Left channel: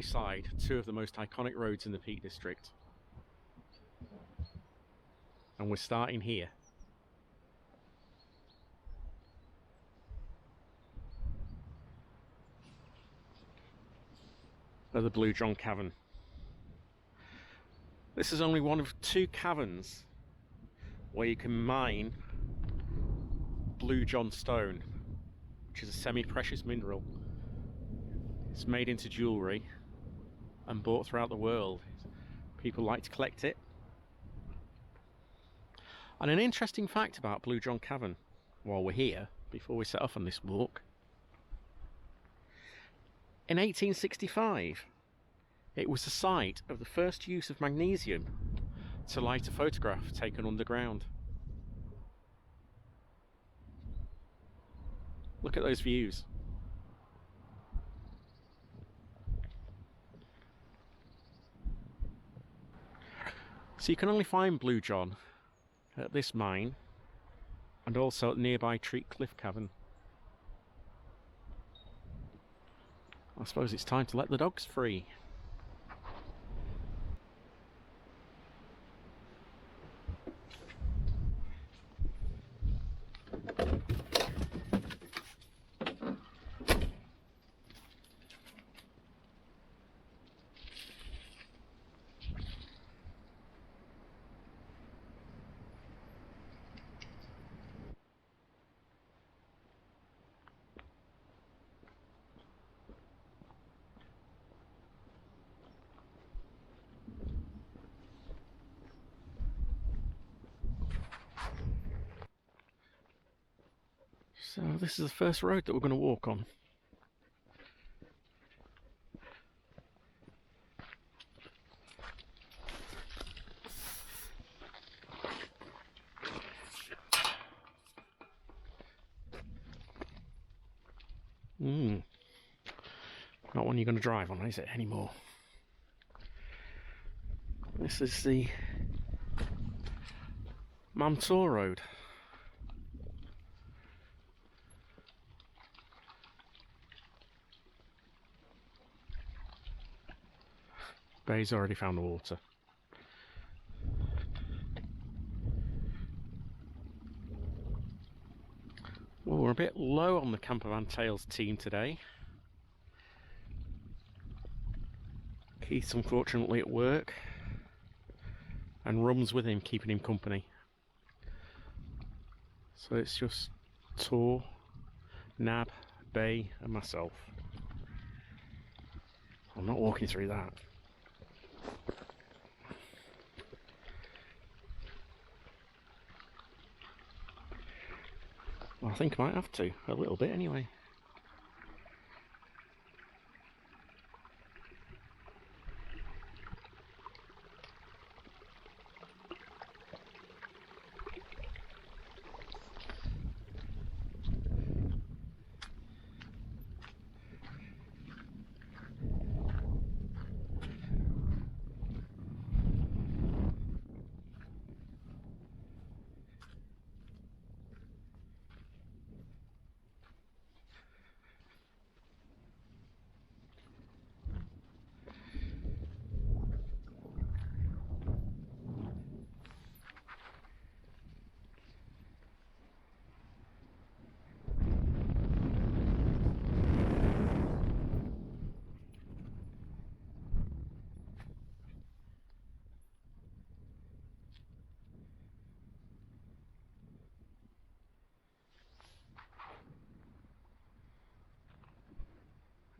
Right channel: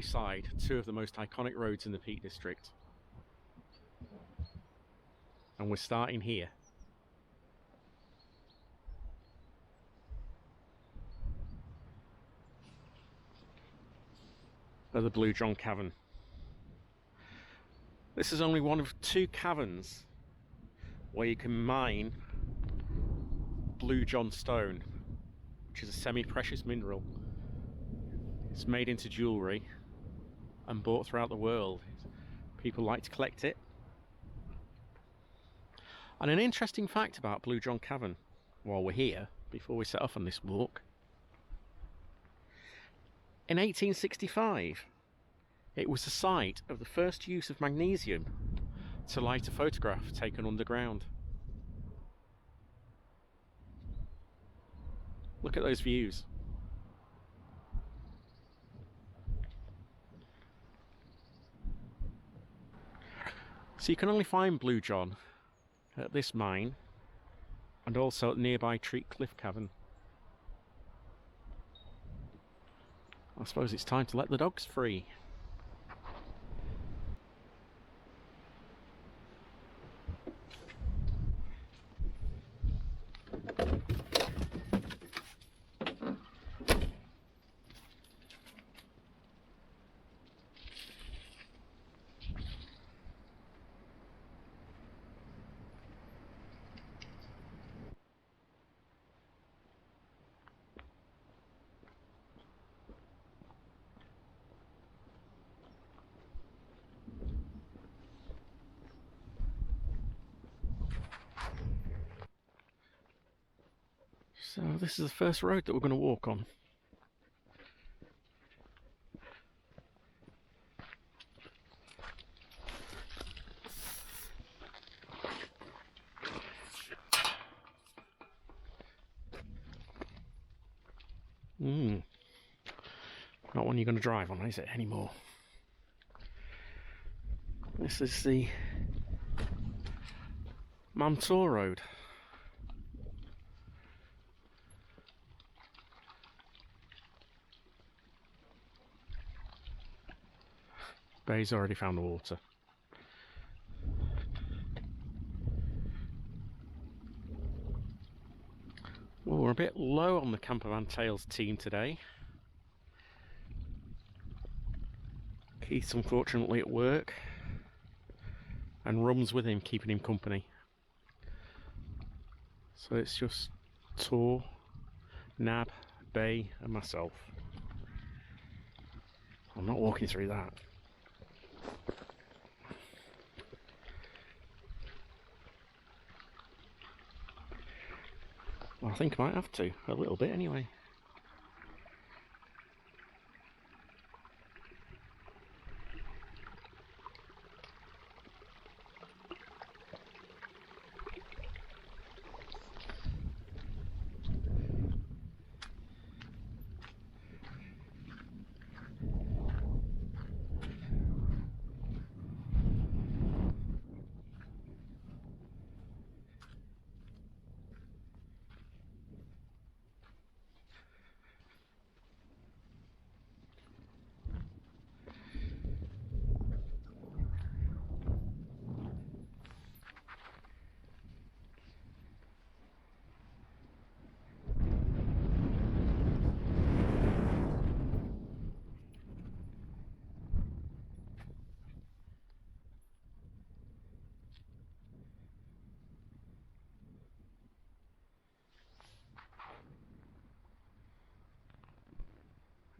beside two of the most iconic roads in the Peak District. And we're starting here. At the Blue John Cavern. This is only one of two caverns where you can mine Blue John stone, which is a semi-precious mineral. It's made into jewellery and bought throughout the world. People like to collect it. And an interesting fact about Blue John Cavern while we're here, before we set off on this walk. In 1865, it was the site of the first use of magnesium to light a photograph taken underground. Look at those views. So you can only find Blue John at this mine and also at nearby Treat Cliff Cavern. I suppose it's time to let the dogs free. So this is the first road that we're going to walk on. Not one you're going to drive on, is it, anymore? This is the Mam Tor Road. Bay's already found the water. Well, we're a bit low on the Campervan Tales team today. Keith's unfortunately at work, and Rum's with him, keeping him company. So it's just Tor, Nab, Bay and myself. I'm not walking through that. Well, I think I might have to, a little bit anyway.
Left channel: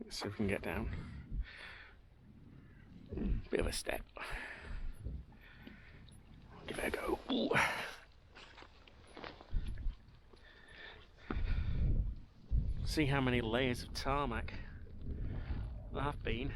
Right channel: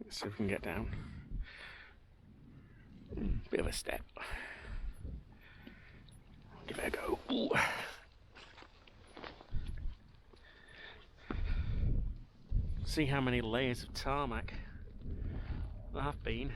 Let's see if we can get down. Bit of a step. Give it a go. Ooh. See how many layers of tarmac there have been.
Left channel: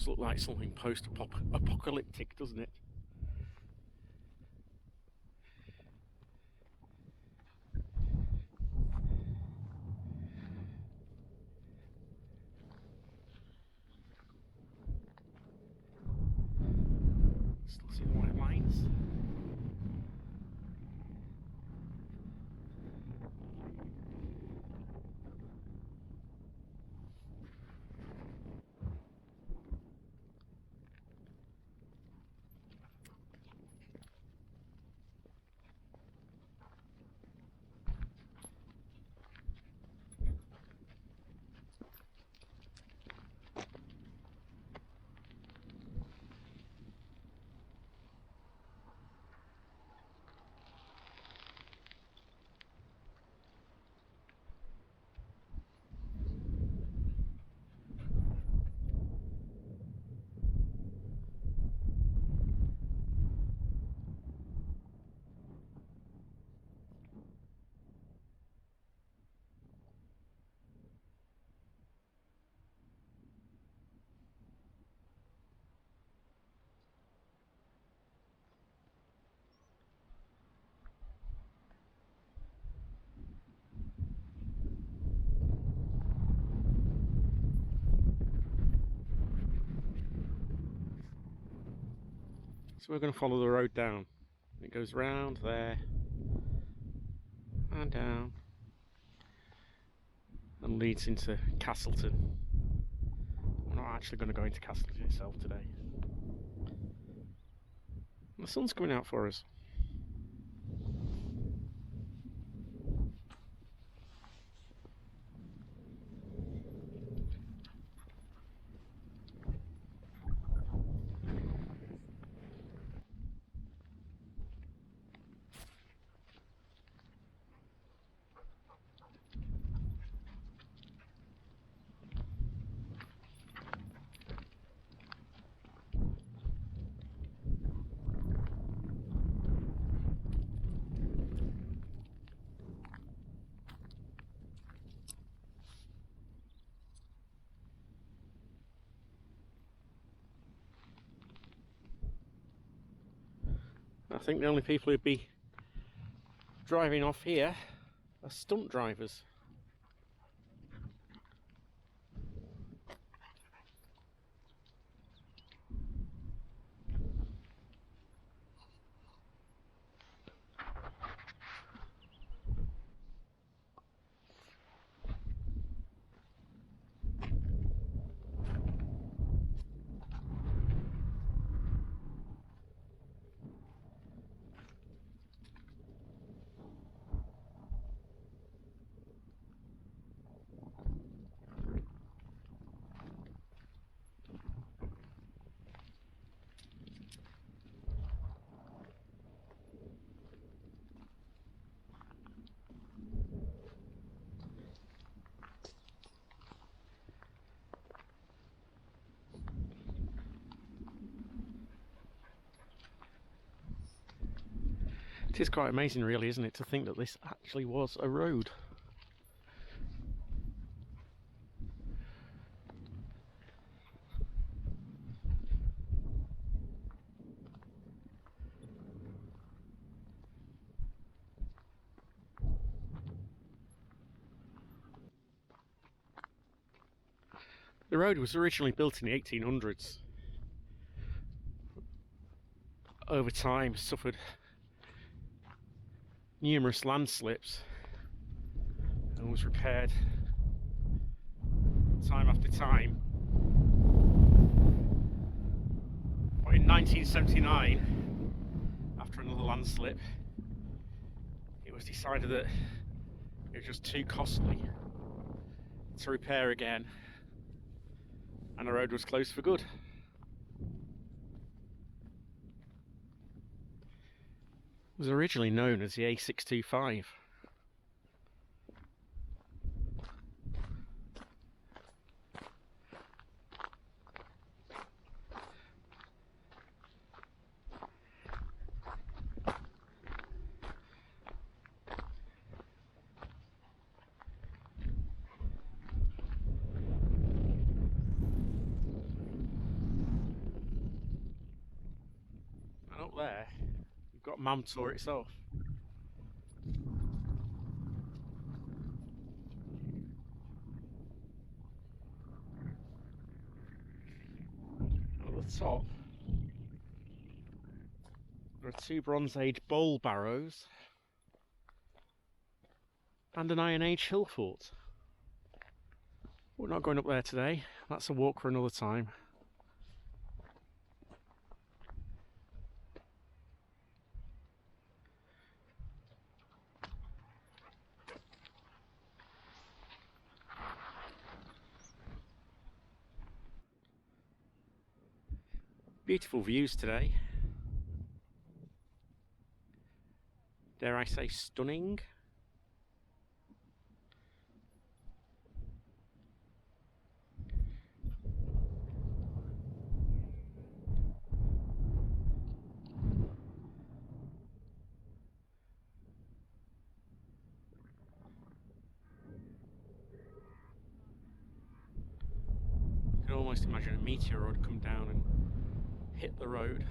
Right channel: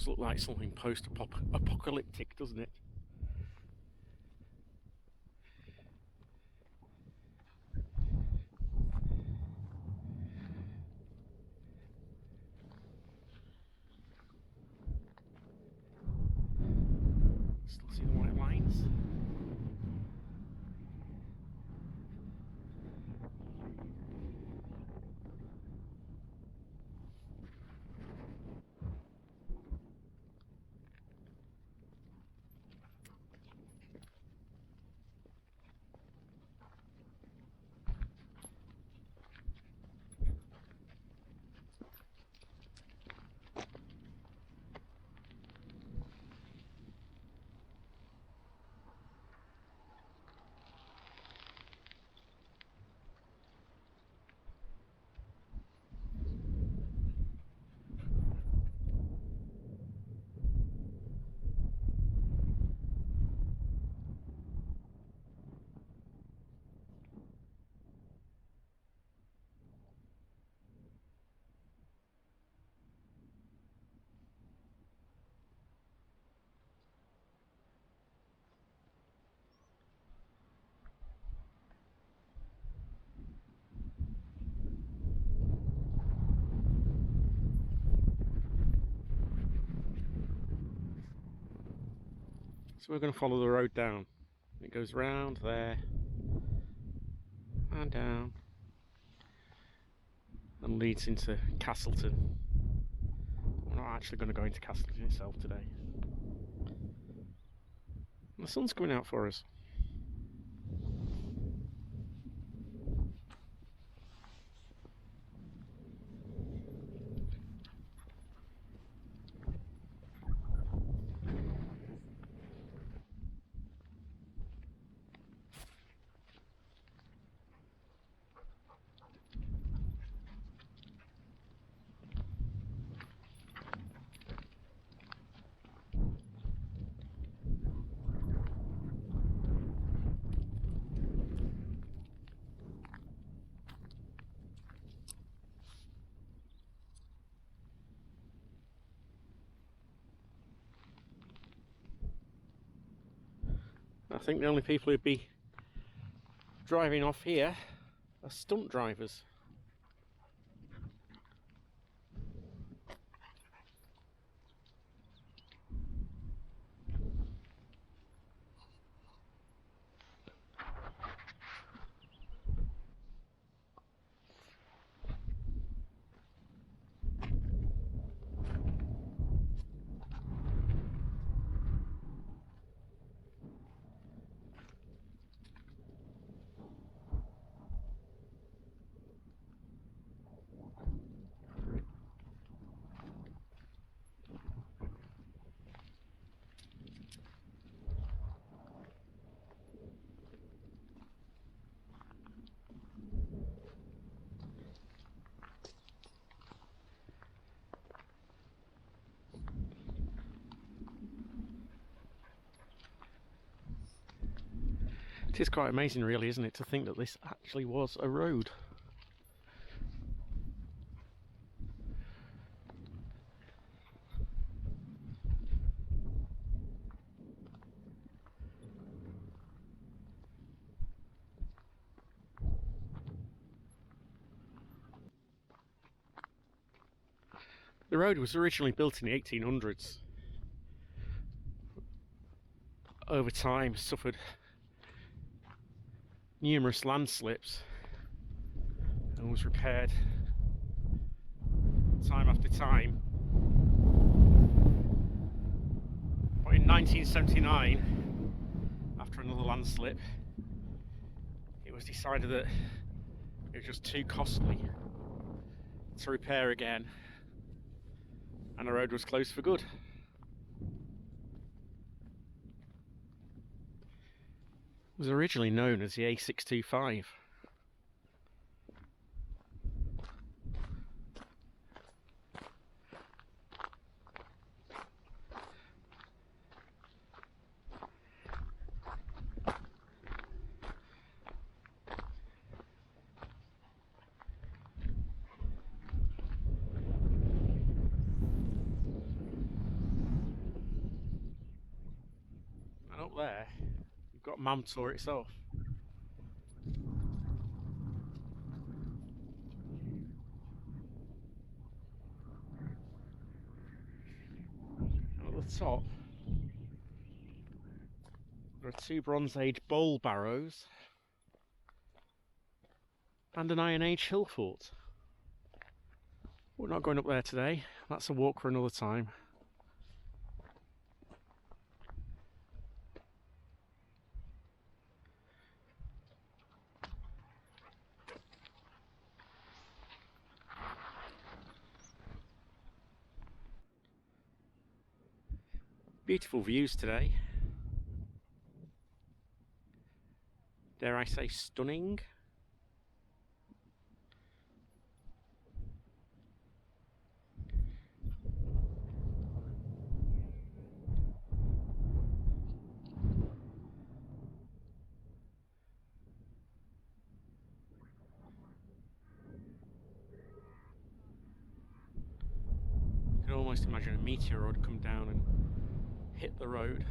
does look like something post-apocalyptic, doesn't it? Still see the white lines. So we're going to follow the road down. It goes round there and down and leads into Castleton. We're not actually going to go into Castleton itself today. And the sun's coming out for us. I think the only people who'd be driving off here are stunt drivers. It is quite amazing really, isn't it, to think that this actually was a road. The road was originally built in the 1800s. Over time suffered numerous landslips and was repaired time after time. But in 1979, after another landslip, it was decided that it was just too costly to repair again, and the road was closed for good. It was originally known as the A625. not Mam Tor itself. At the top, there are 2 Bronze Age bowl barrows and an Iron Age hill fort. We're not going up there today, that's a walk for another time. Beautiful views today. Dare I say stunning? You can almost imagine a meteor would come down and hit the road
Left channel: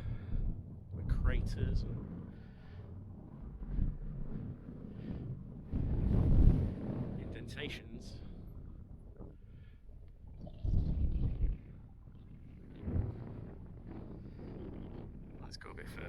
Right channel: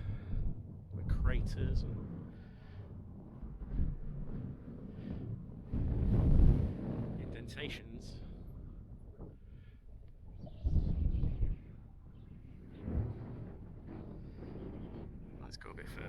with craters and indentations. Let's go a bit further.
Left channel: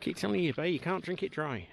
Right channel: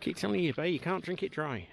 Keep telling you, babe, you can't drink it dry.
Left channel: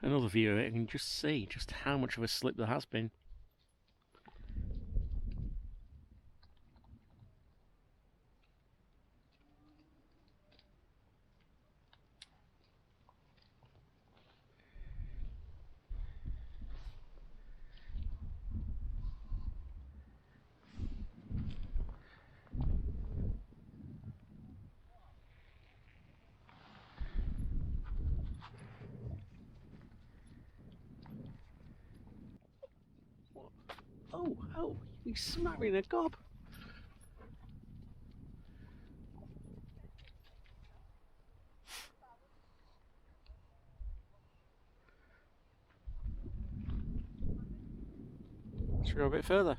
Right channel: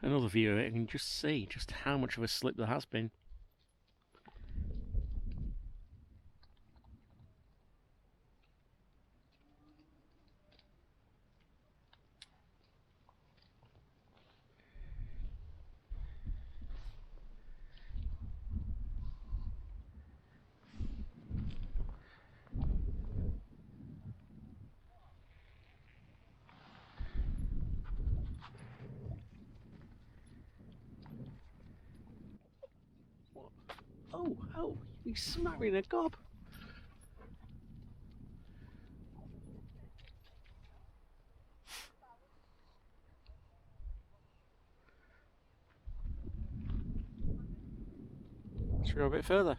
Another view of it, and you can just see just how much of a slip there has been. Oh, you smack me in the gob. Should we go a bit further?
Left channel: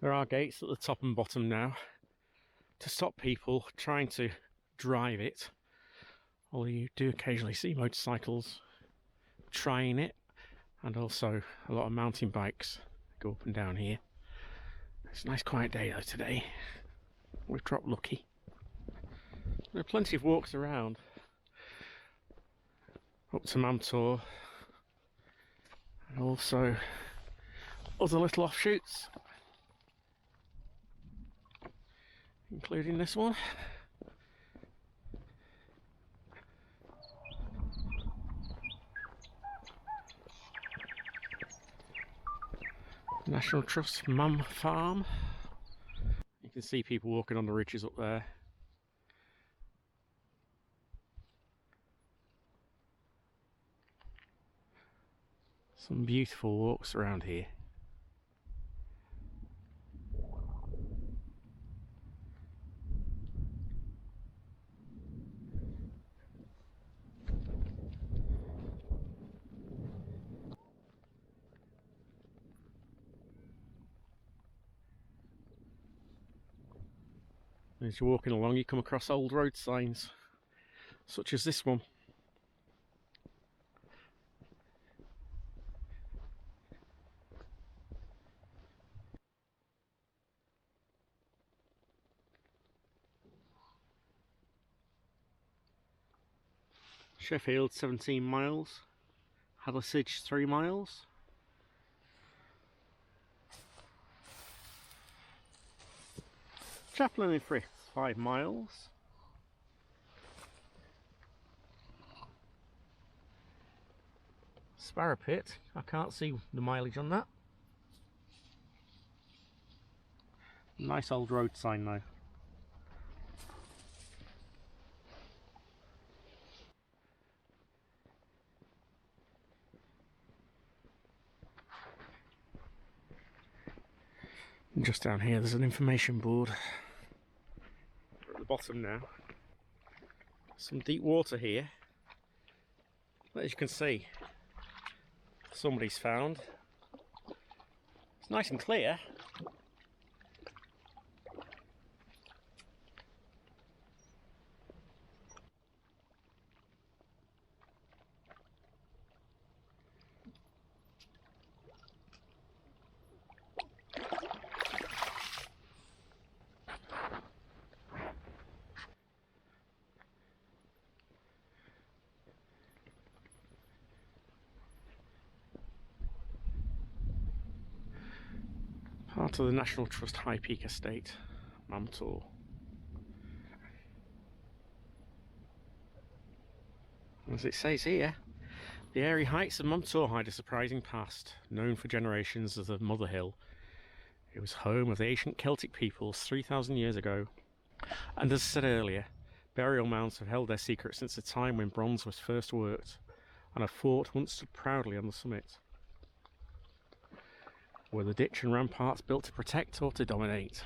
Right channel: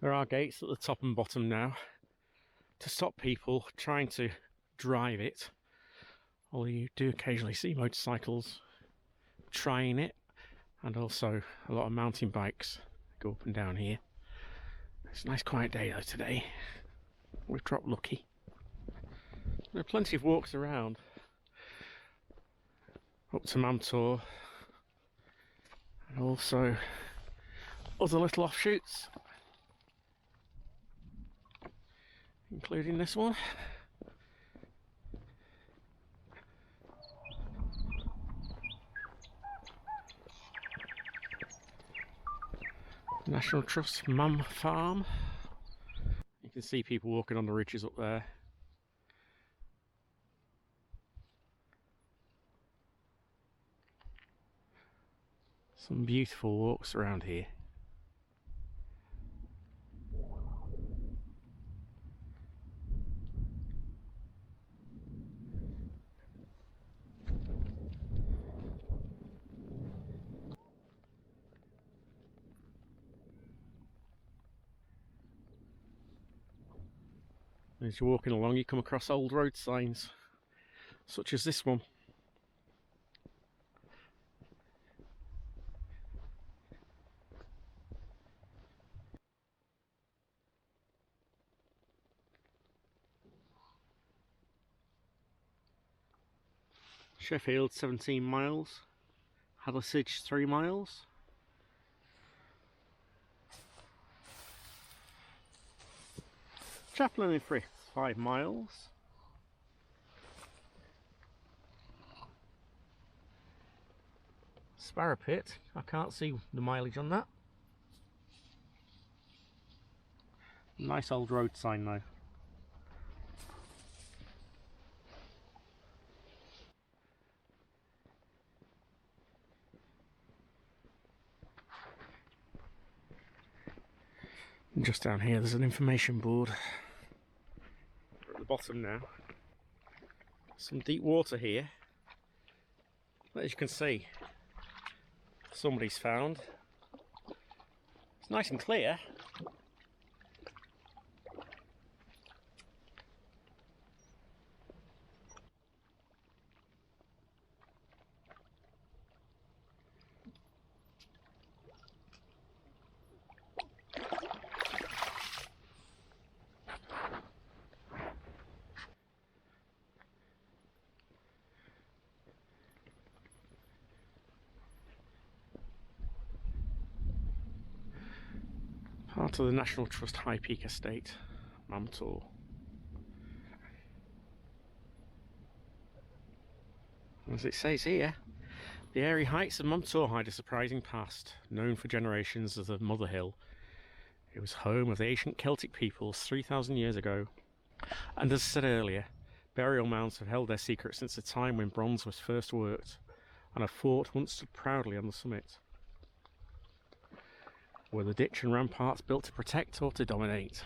There are gates at the top and bottom now to stop people trying to drive it, although you do occasionally see motorcycles trying it, and also a lot of mountain bikes go up and down here. It's a nice quiet day though today. We've dropped lucky. There are plenty of walks around. up to Mam Tor, and also other little offshoots, including this one. National Trust Mam Farm. You can see people walking on the ridges up there. Some beautiful walks around here. As you're walking along, you come across old road signs, such as this one. Sheffield 17 miles, Hathersage 3 miles. Chaplin in Frith 5 miles. Sparrow Pit, I can't see the mileage on that. Nice old road sign though. And just down here there's an information board. We're at the bottom now. Some deep water here. As you can see, somebody's found. It's nice and clear. Part of the National Trust High Peak Estate, Mam Tor. As it says here, the airy heights of Mam Tor hide a surprising past, known for generations as the Mother Hill. It was home of the ancient Celtic peoples 3,000 years ago. And as I said earlier, burial mounds have held their secret since the time when bronze was first worked, and a fort once stood proudly on the summit. Were the ditch and ramparts built to protect or to dominate?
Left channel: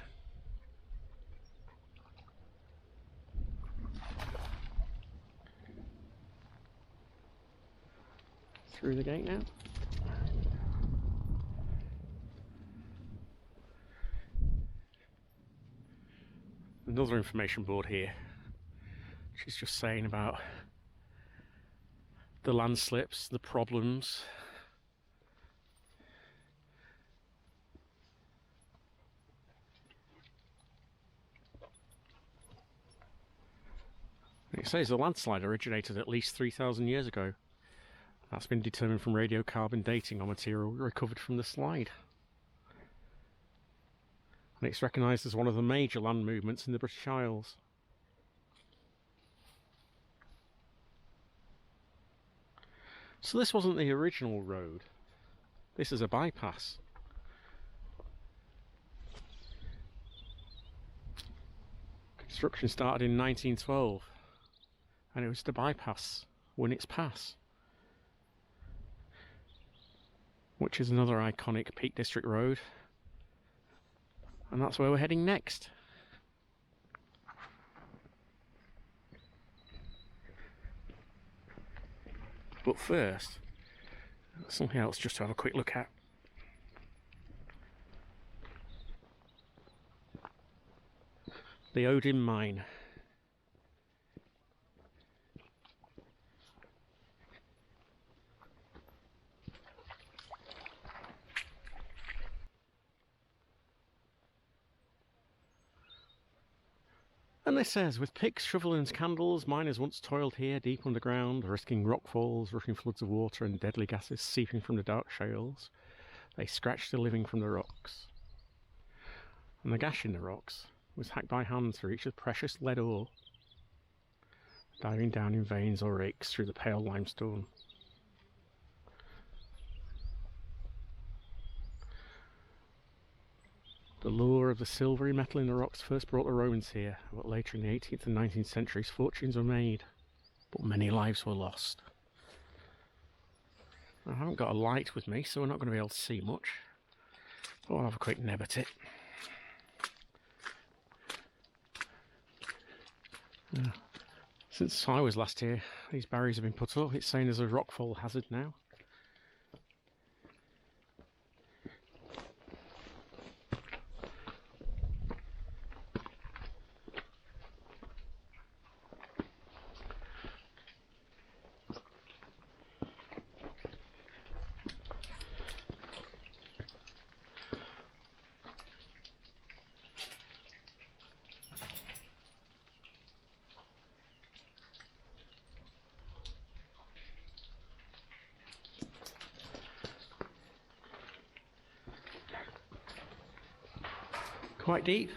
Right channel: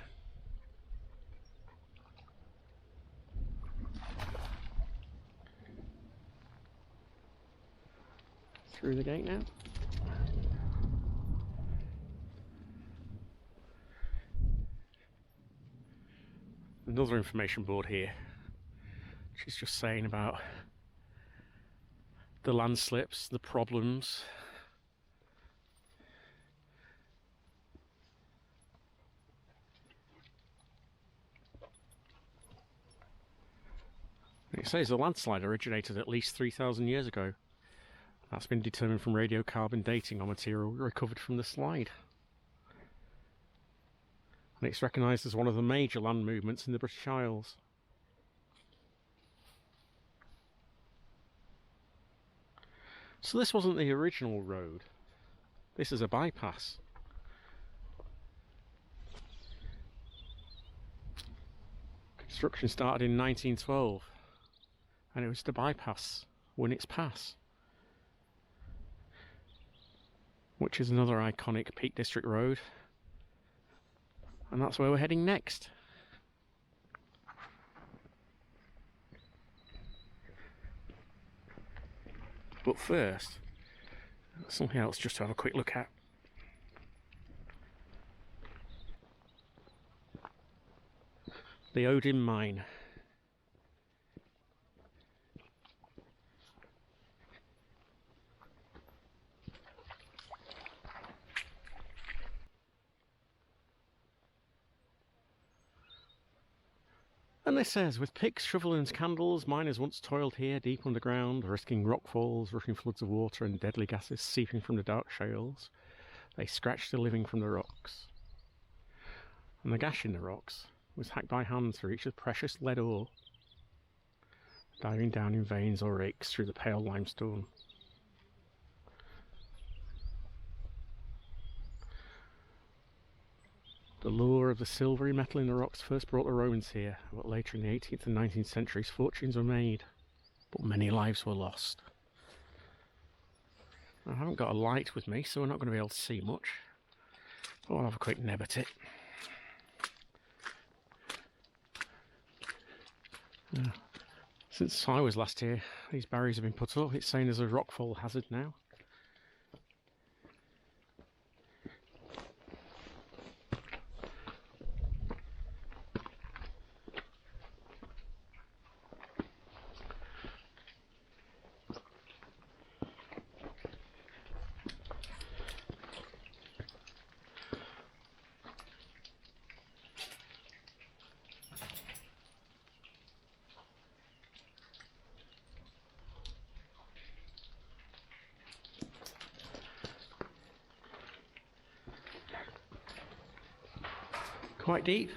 Through the gate now. Another information board here. She's just saying about the landslips, the problems. It says the landslide originated at least 3,000 years ago. That's been determined from radiocarbon dating on material recovered from the slide. And it's recognised as one of the major land movements in the British Isles. So this wasn't the original road. This is a bypass. Construction started in 1912. And it was to bypass Winnats Pass, which is another iconic Peak District road, and that's where we're heading next. But first, something else just to have a quick look at. The Odin Mine. And this says, with picks, shovel and candles, miners once toiled here deep underground, risking rockfalls, rushing floods of water and deadly gases seeping from the dark shales. They scratched a living from the rocks. And the gash in the rocks was hacked by hand to reach the precious lead ore, diving down in veins or rakes through the pale limestone. The lure of the silvery metal in the rocks first brought the Romans here, but later in the 18th and 19th centuries fortunes were made, but many lives were lost. I haven't got a light with me, so we're not going to be able to see much, but I'll have a quick neb at it. Since I was last here, these barriers have been put up. It's saying there's a rockfall hazard now. Quite deep.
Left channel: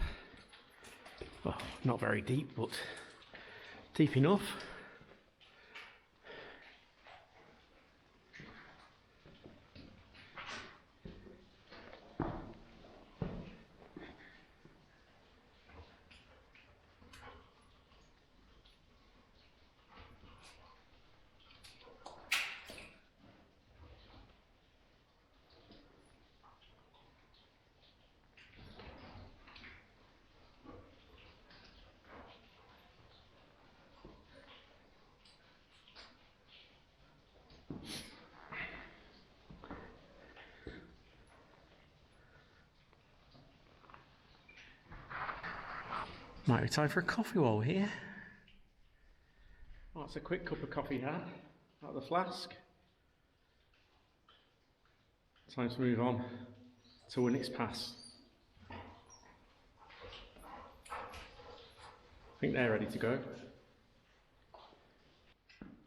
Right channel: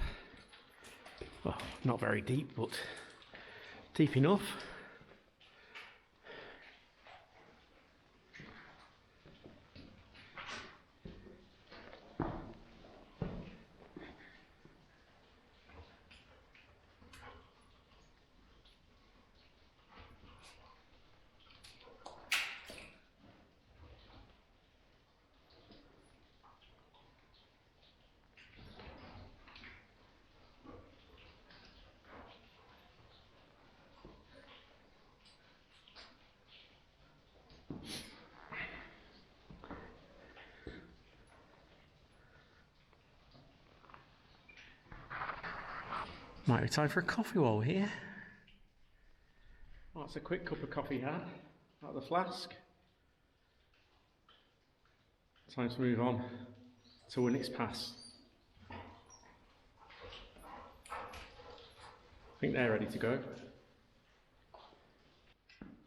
Well, not very deep, but deep enough. Might be time for a coffee while we're here. Well, that's a quick cup of coffee had out of the flask. Time to move on to Winnats Pass. I think they're ready to go.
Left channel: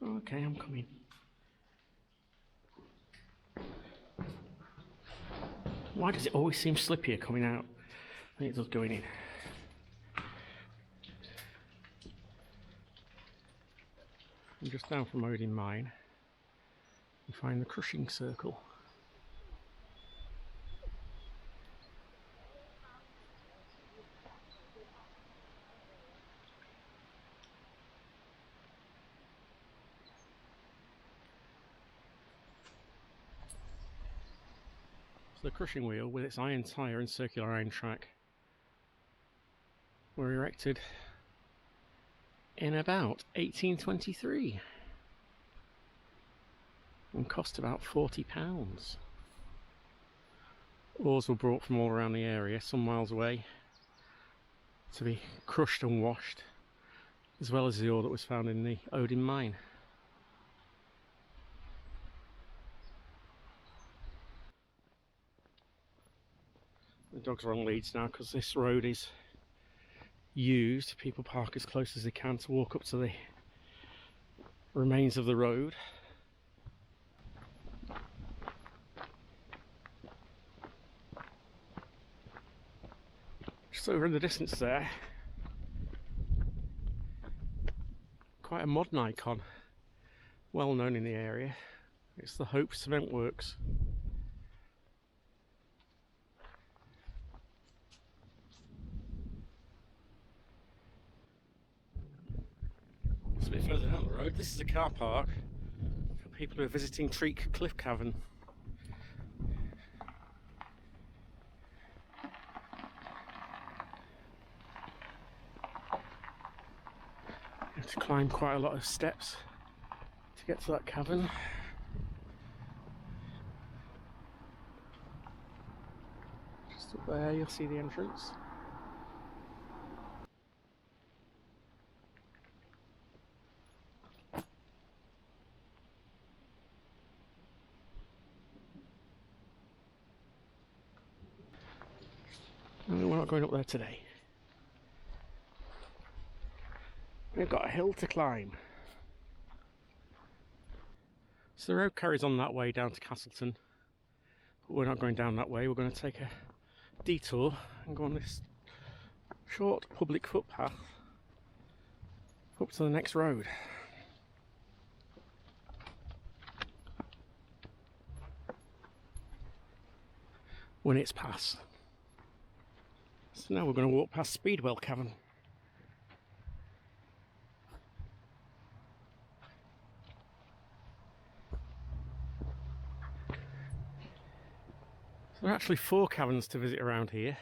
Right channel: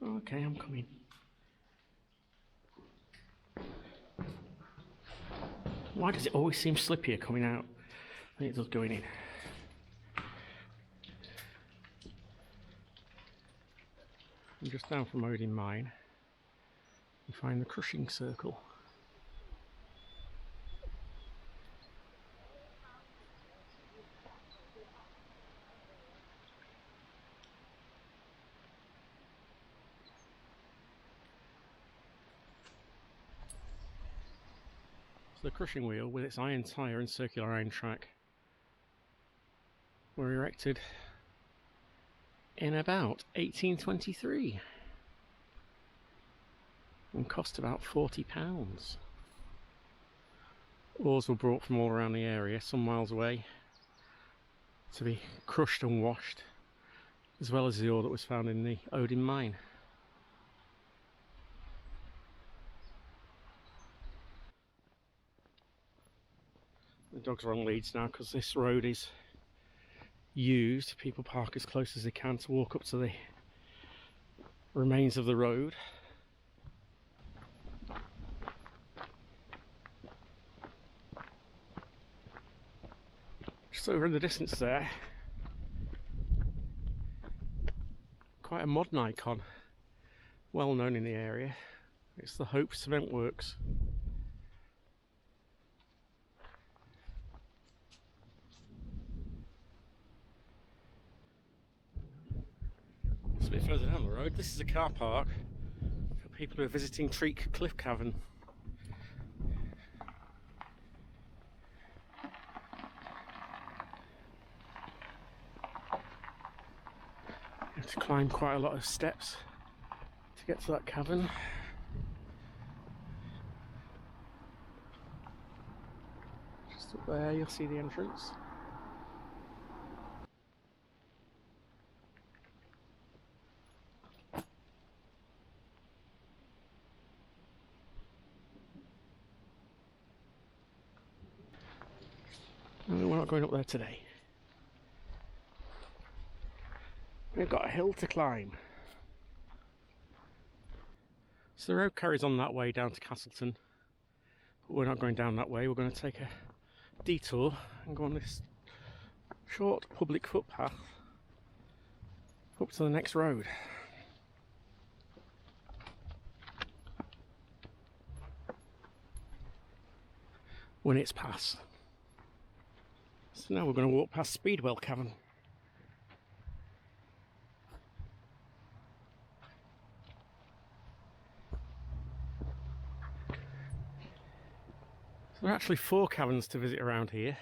Okay, I'm coming. Why does it always seem slippier coming out than it does going in? I'm just down from Odin Mine. You find the crushing circle. So the crushing wheel with its iron tyre and circular iron track were erected in about 1823 and cost about £40. Ores were brought from all around the area, some miles away, to be crushed and washed, as well as the ore that was found in the Odin Mine. The dogs are on leads now because this road is used. People park as close as they can to walk up to the remains of the road. Just over in the distance there, quite a modern icon, well known in the area. It's the Hope Cement Works. A bit further down the road, this is a car park for people who are visiting Treak Cliff Cavern. You have to climb quite a lot of steps to get to that cavern. Just up there you'll see the entrance. No, we're not going up there today. We've got a hill to climb. So the road carries on that way down to Castleton, but we're not going down that way. We're going to take a detour and go on this short public footpath up to the next road. Winnats Pass. So now we're going to walk past Speedwell Cavern. So there are actually 4 caverns to visit around here,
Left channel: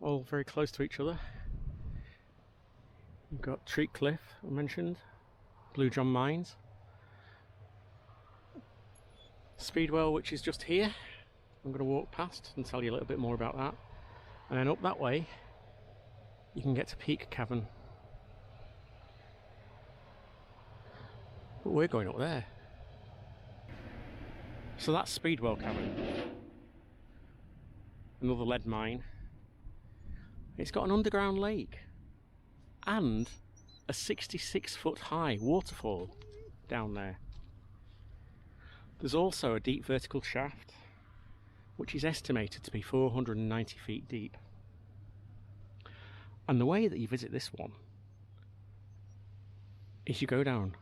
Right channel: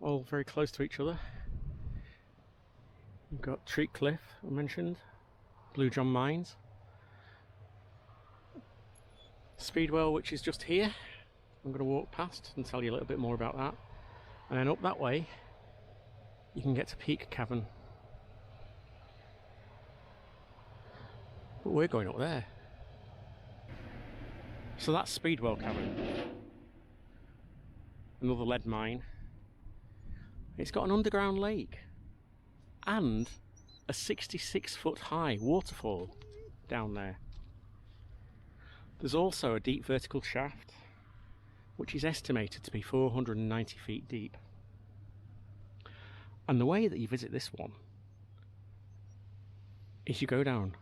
all very close to each other. We've got Treat Cliff, I mentioned, Odin Mine, Speedwell, which is just here. I'm going to walk past and tell you a little bit more about that. And then up that way, you can get to Peak Cavern. But we're going up there. So that's Speedwell Cavern. Another lead mine. It's got an underground lake and a 66-foot high waterfall down there. There's also a deep vertical shaft, which is estimated to be 490 feet deep. And the way that you visit this one is you go down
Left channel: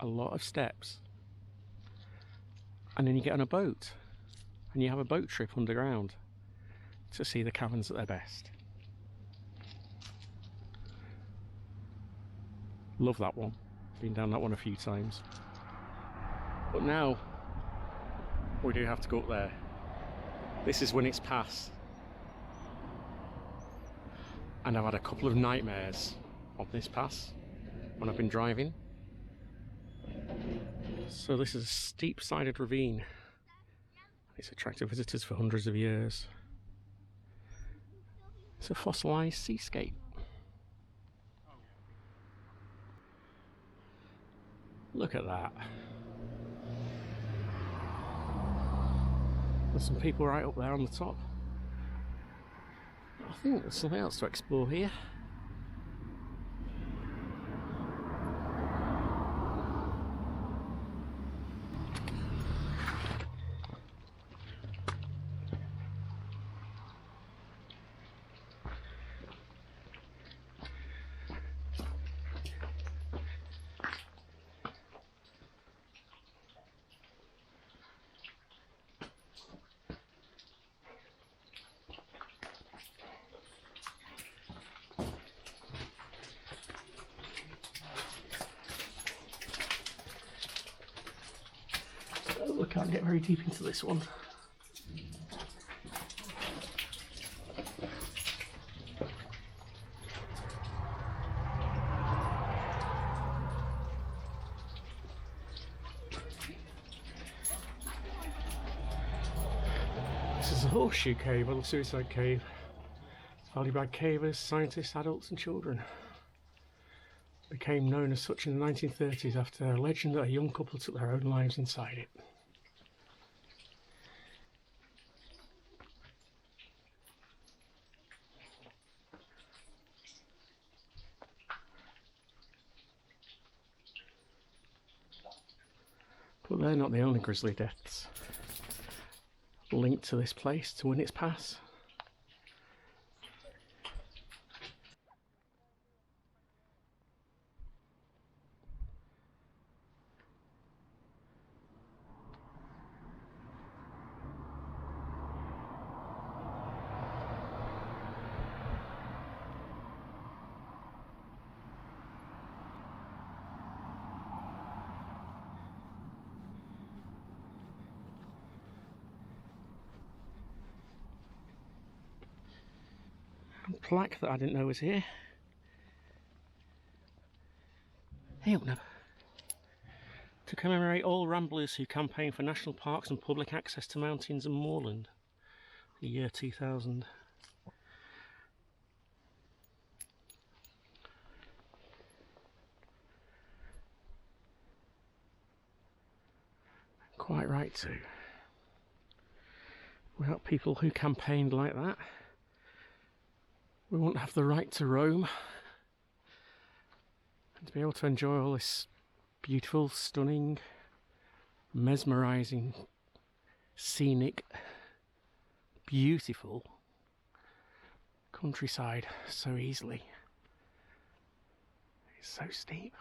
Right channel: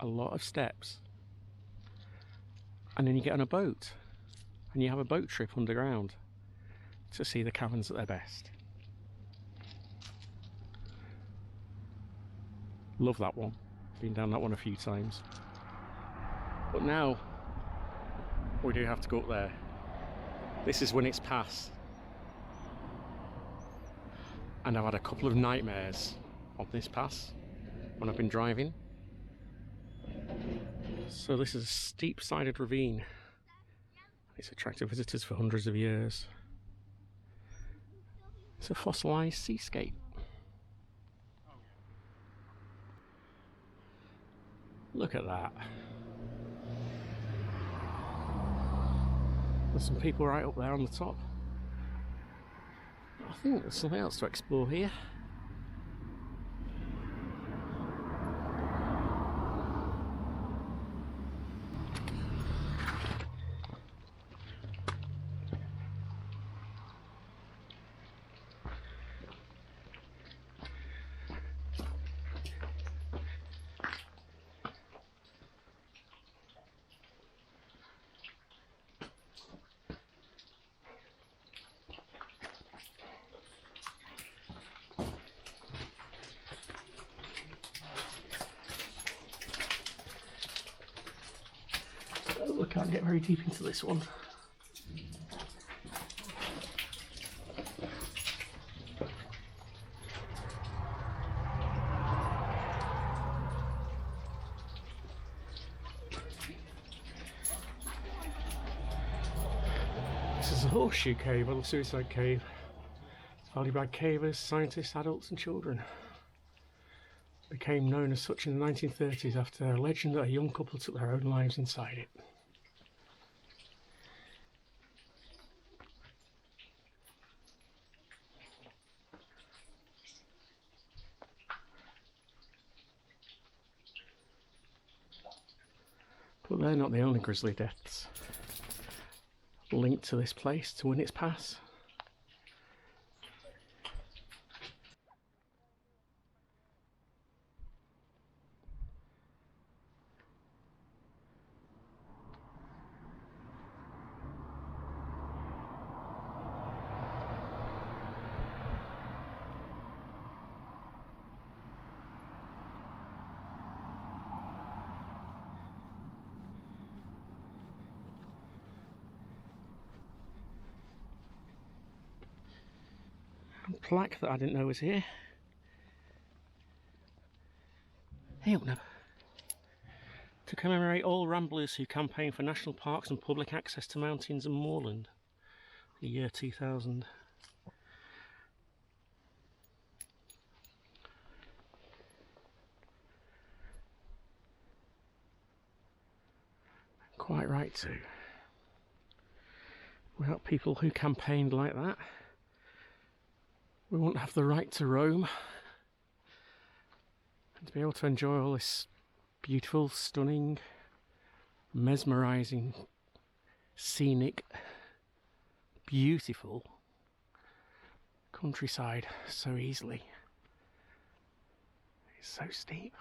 a lot of steps and then you get on a boat and you have a boat trip underground to see the caverns at their best. Love that one. Been down that one a few times. But now we do have to go up there. This is Winnats Pass. And I've had a couple of nightmares on this pass when I've been driving. So this is a steep-sided ravine. It's attracted visitors for hundreds of years. It's a fossilised seascape. Look at that. There's some people right up there on the top. I think there's something else to explore here. We can't get very deep into this one. This is a horseshoe cave, or the suicide cave. It's valued by cavers, scientists, adults and children. It became known as such in the 1930s after a legend that a young couple took their own lives inside it. But they're not the only grisly deaths linked to this place, to Winnats Pass. Plaque that I didn't know was here. Hey up now. To commemorate all ramblers who campaign for national parks and public access to mountains and moorland. The year 2000. Quite right too. Without people who campaigned like that, we won't have the right to roam And to be able to enjoy all this beautiful, stunning, mesmerising, scenic, beautiful countryside so easily. It's so steep.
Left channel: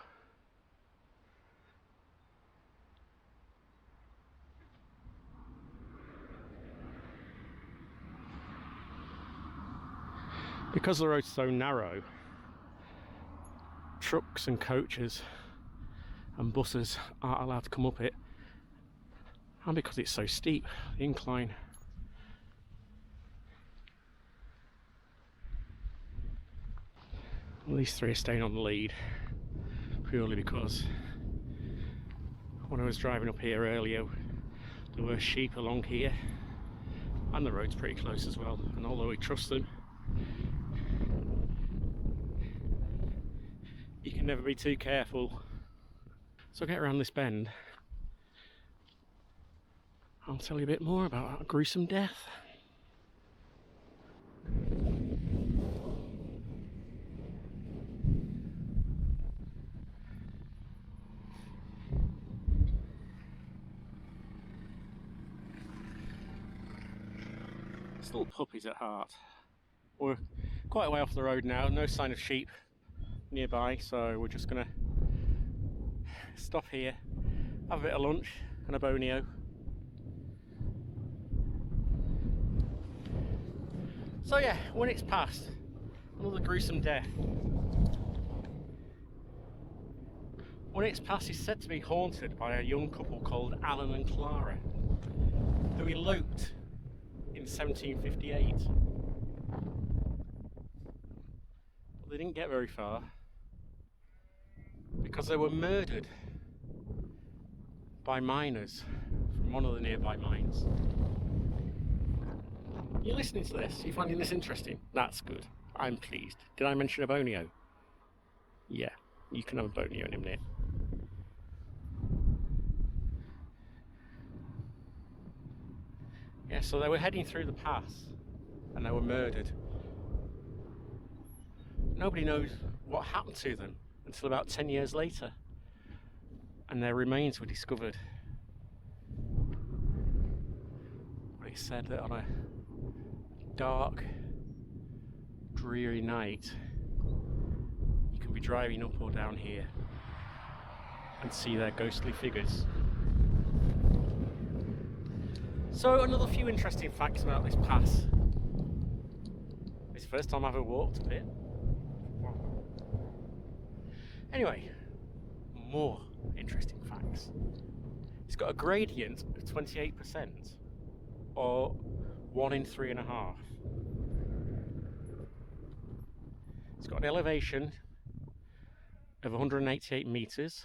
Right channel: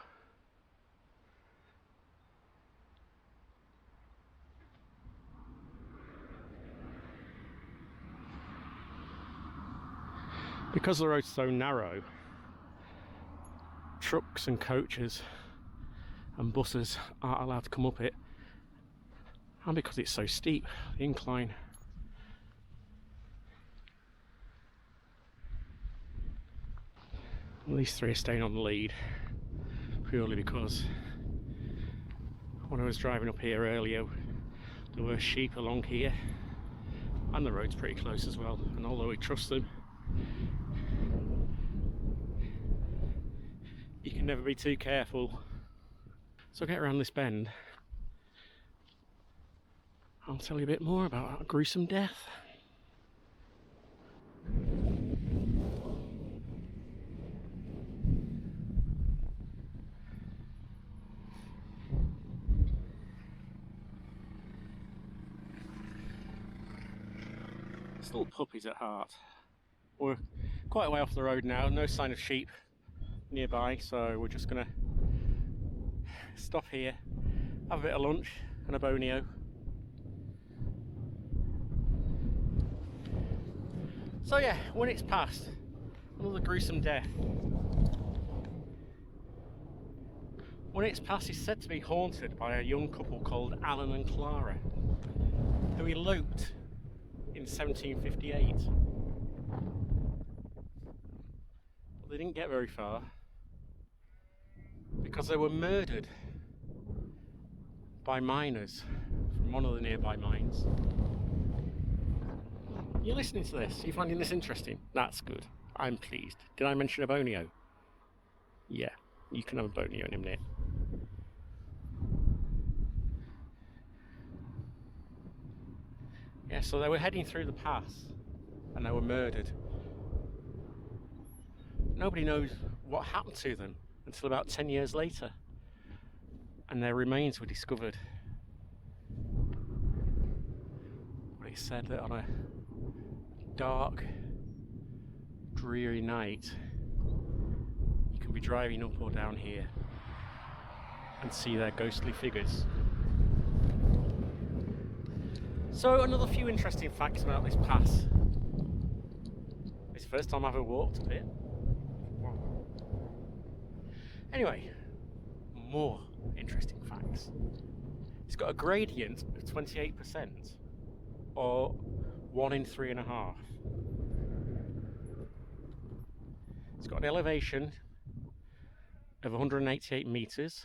Because the road's so narrow, trucks and coaches and buses aren't allowed to come up it, and because it's so steep, the incline. Well, these three are staying on the lead purely because when I was driving up here earlier there were sheep along here and the road's pretty close as well, and although we trust them, you can never be too careful. So I'll get around this bend, I'll tell you a bit more about that gruesome death. Still puppies at heart. We're quite a way off the road now, no sign of sheep nearby, so we're just gonna stop here, have a bit of lunch and a bonio. So yeah, Winnats Pass, another gruesome death. Winnats Pass is said to be haunted by a young couple called Alan and Clara, who eloped in 1758. But they didn't get very far because they were murdered by miners from one of the nearby mines. You're listening to this? You're finding this interesting? That's good. I'm pleased. Did I mention a bonio? Yeah, you can have a bonio in a minute. Yeah, so they were heading through the pass and they were murdered. Nobody knows what happened to them until about 10 years later, and their remains were discovered. They said that on a dark, dreary night, you can be driving up or down here and see their ghostly figures. So another few interesting facts about this pass. It's the first time I've ever walked up it. Anyway, more interesting facts. It's got a gradient of 28%, or 1 in 3.5. It's got an elevation of 188 metres.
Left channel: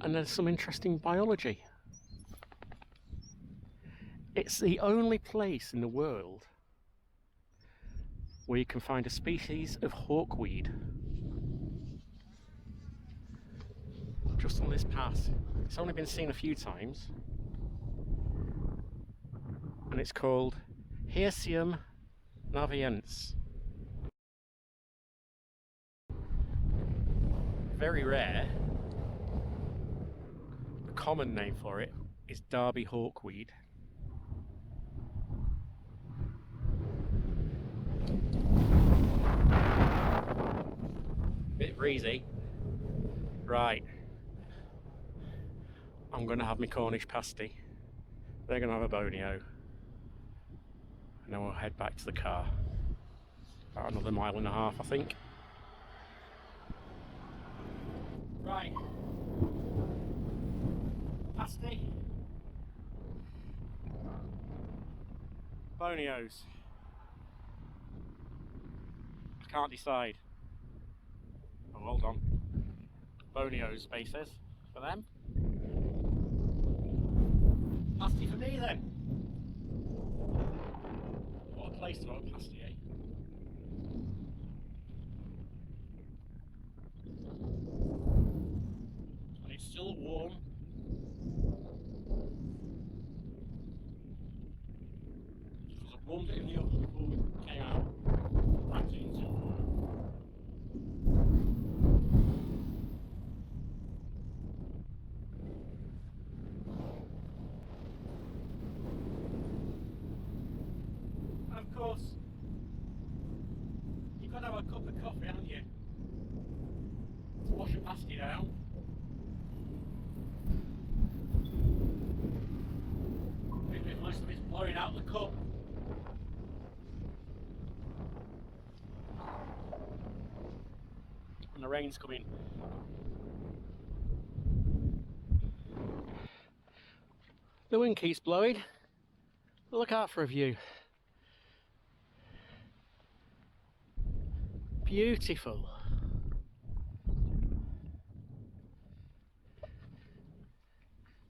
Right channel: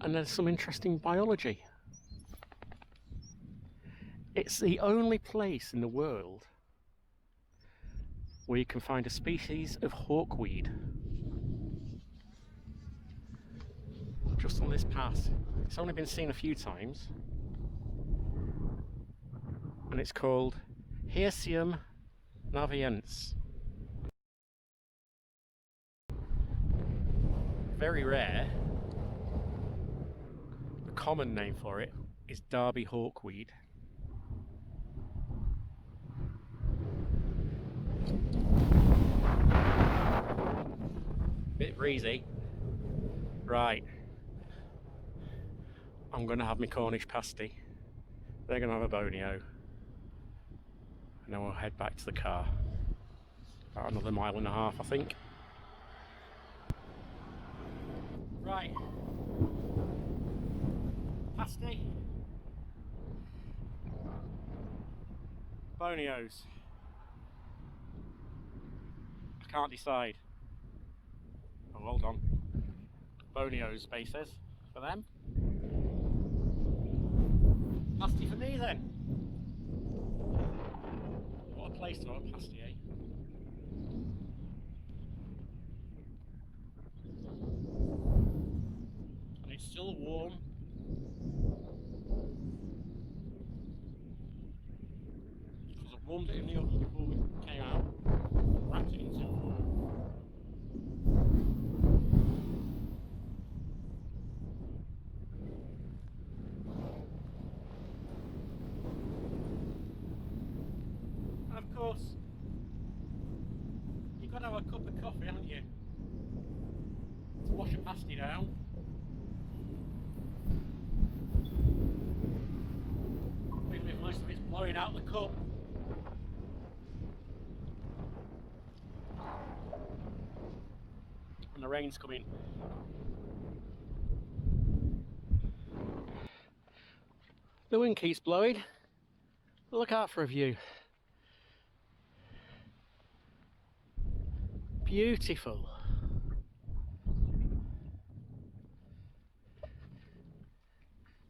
And there's some interesting biology. It's the only place in the world where you can find a species of hawkweed. Just on this path. It's only been seen a few times. And it's called Hirsium naviense. Very rare. The common name for it is Derby hawkweed. Bit breezy. Right. I'm going to have my Cornish pasty. They're going to have a bonio. And then we'll head back to the car. About another 1.5 miles, I think. Right. Pasty. Bonios. I can't decide. Oh, hold on. Bonios spaces for them. Pasty for me then. What a place to have a pasty, eh? And it's still warm. Because I warmed it in the oven before we came out. Wrapped it in look up. And the rain's coming. The wind keeps blowing. Look out for a view. Beautiful.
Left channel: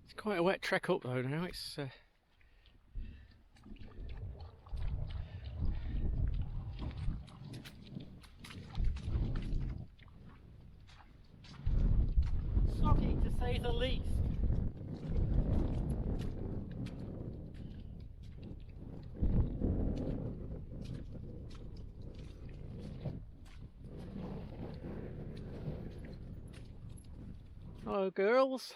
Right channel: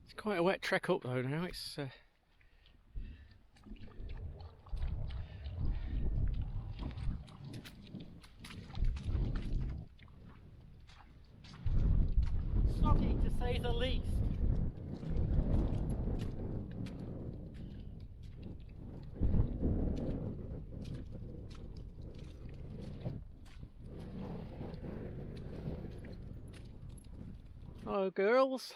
It's quite a wet trek up though now. It's something to say the least. Hello girls.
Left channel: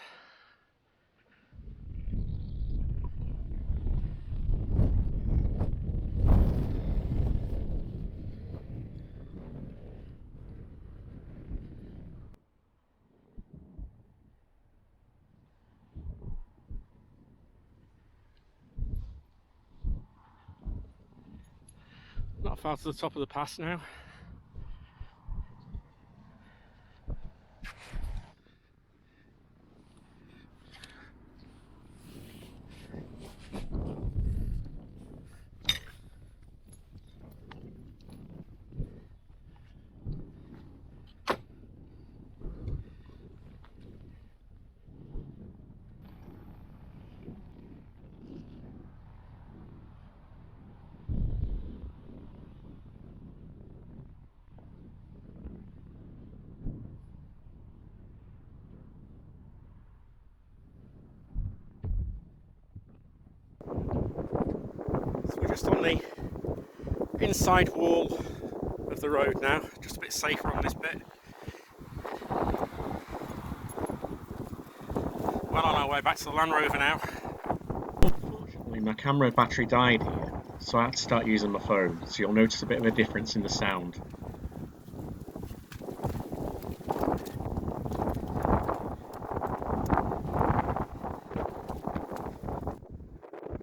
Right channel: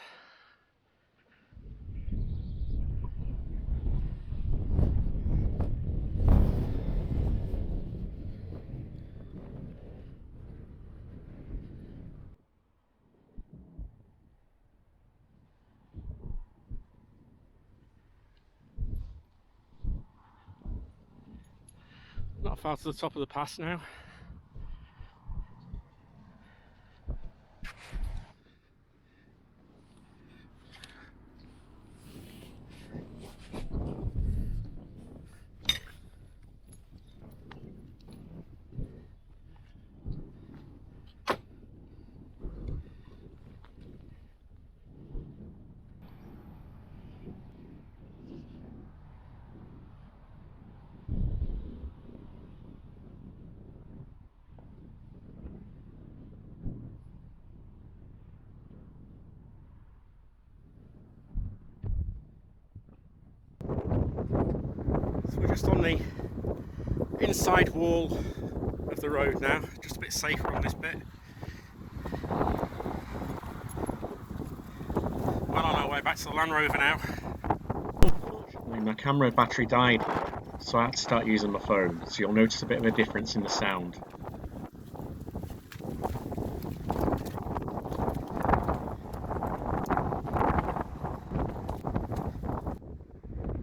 Not far to the top of the pass now. So we're just on the inside wall of the road now, just a bit safer on this bit. Well on our way back to the Land Rover now. Unfortunately my camera battery died, so I had to start using my phone, so you'll notice a bit of a difference in the sound.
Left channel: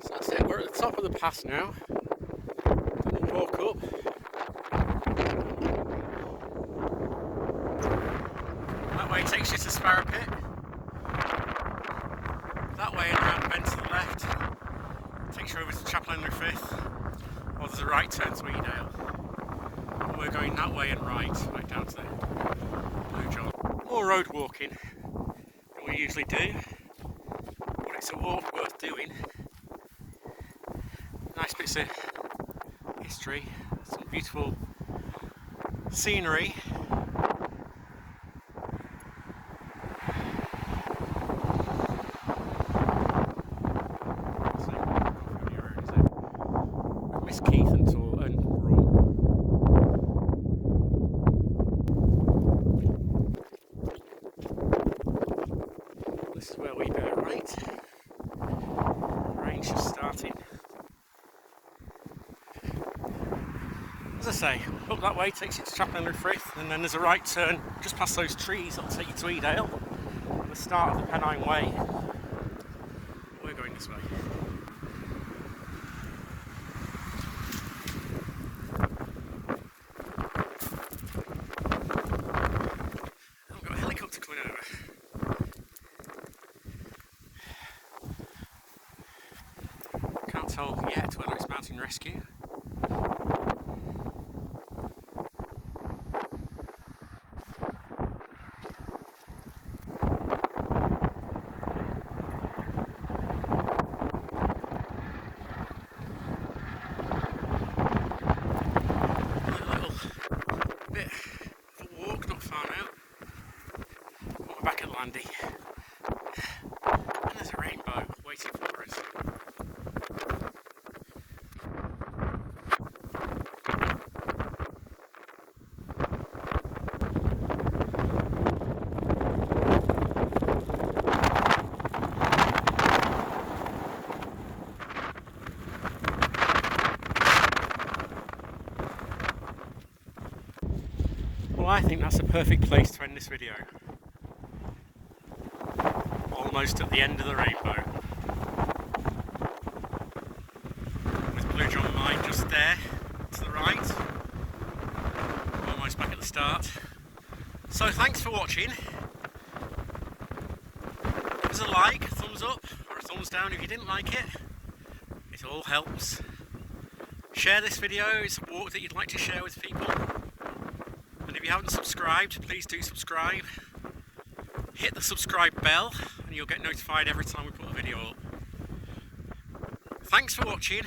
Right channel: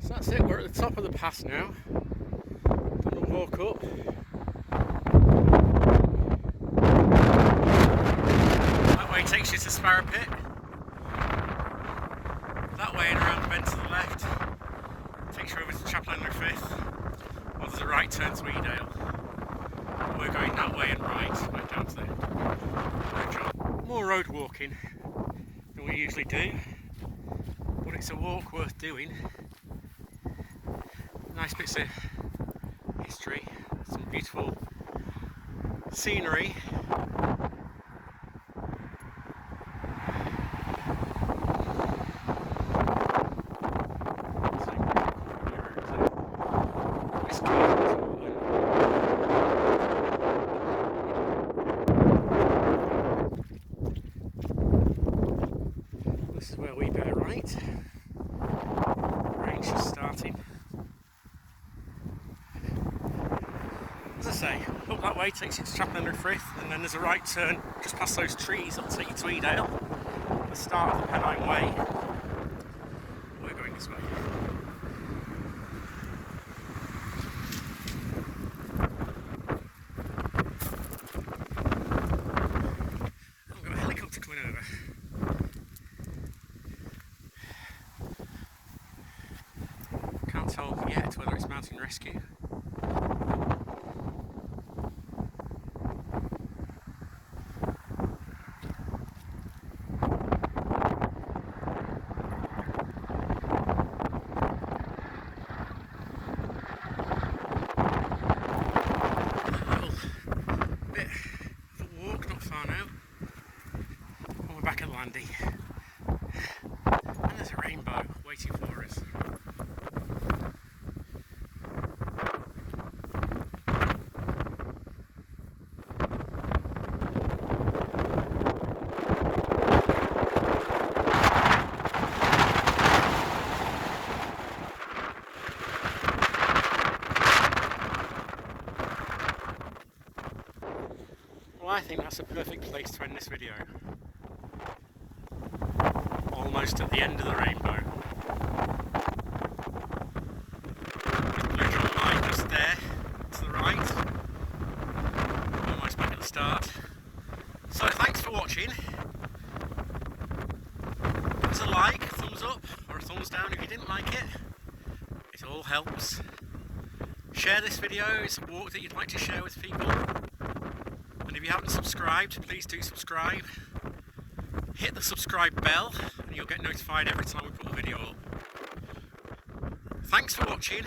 So that's it, we're at the top of the pass now. We'll walk up. That way takes you to Sparrow Pit. That way and around the bend to the left takes you over to Chapel Henry Fifth, or there's a right turn to Edale. We're going that way and right down to the Blue John. More road walking than we usually do, but it's a walk worth doing. Nice bits of history, some beautiful scenery. This is where we bear right. The rain's just starting. As I say, up that way takes you to Chapel Henry Frith, and then there's a right turn just past those trees that'll take you to Edale, the start of the Pennine Way. We're going this way. I've got a helicopter coming over. Can't tell yet whether it's mountain rescue. Back at Landy, and there's a rainbow waiting for us. Well, I think that's a perfect place to end this video. Almost at the end of the rainbow. right. Almost back at the start. So thanks for watching. Give us a like, a thumbs up, or a thumbs down if you didn't like it. It all helps. Share this video, it's a walk that you'd like to share with people. And if you haven't subscribed, please do subscribe. Hit the subscribe bell and you'll get notified every time we put a video up. Thanks for watching.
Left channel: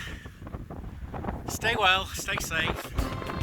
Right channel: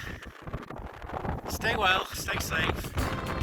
Stay well, stay safe.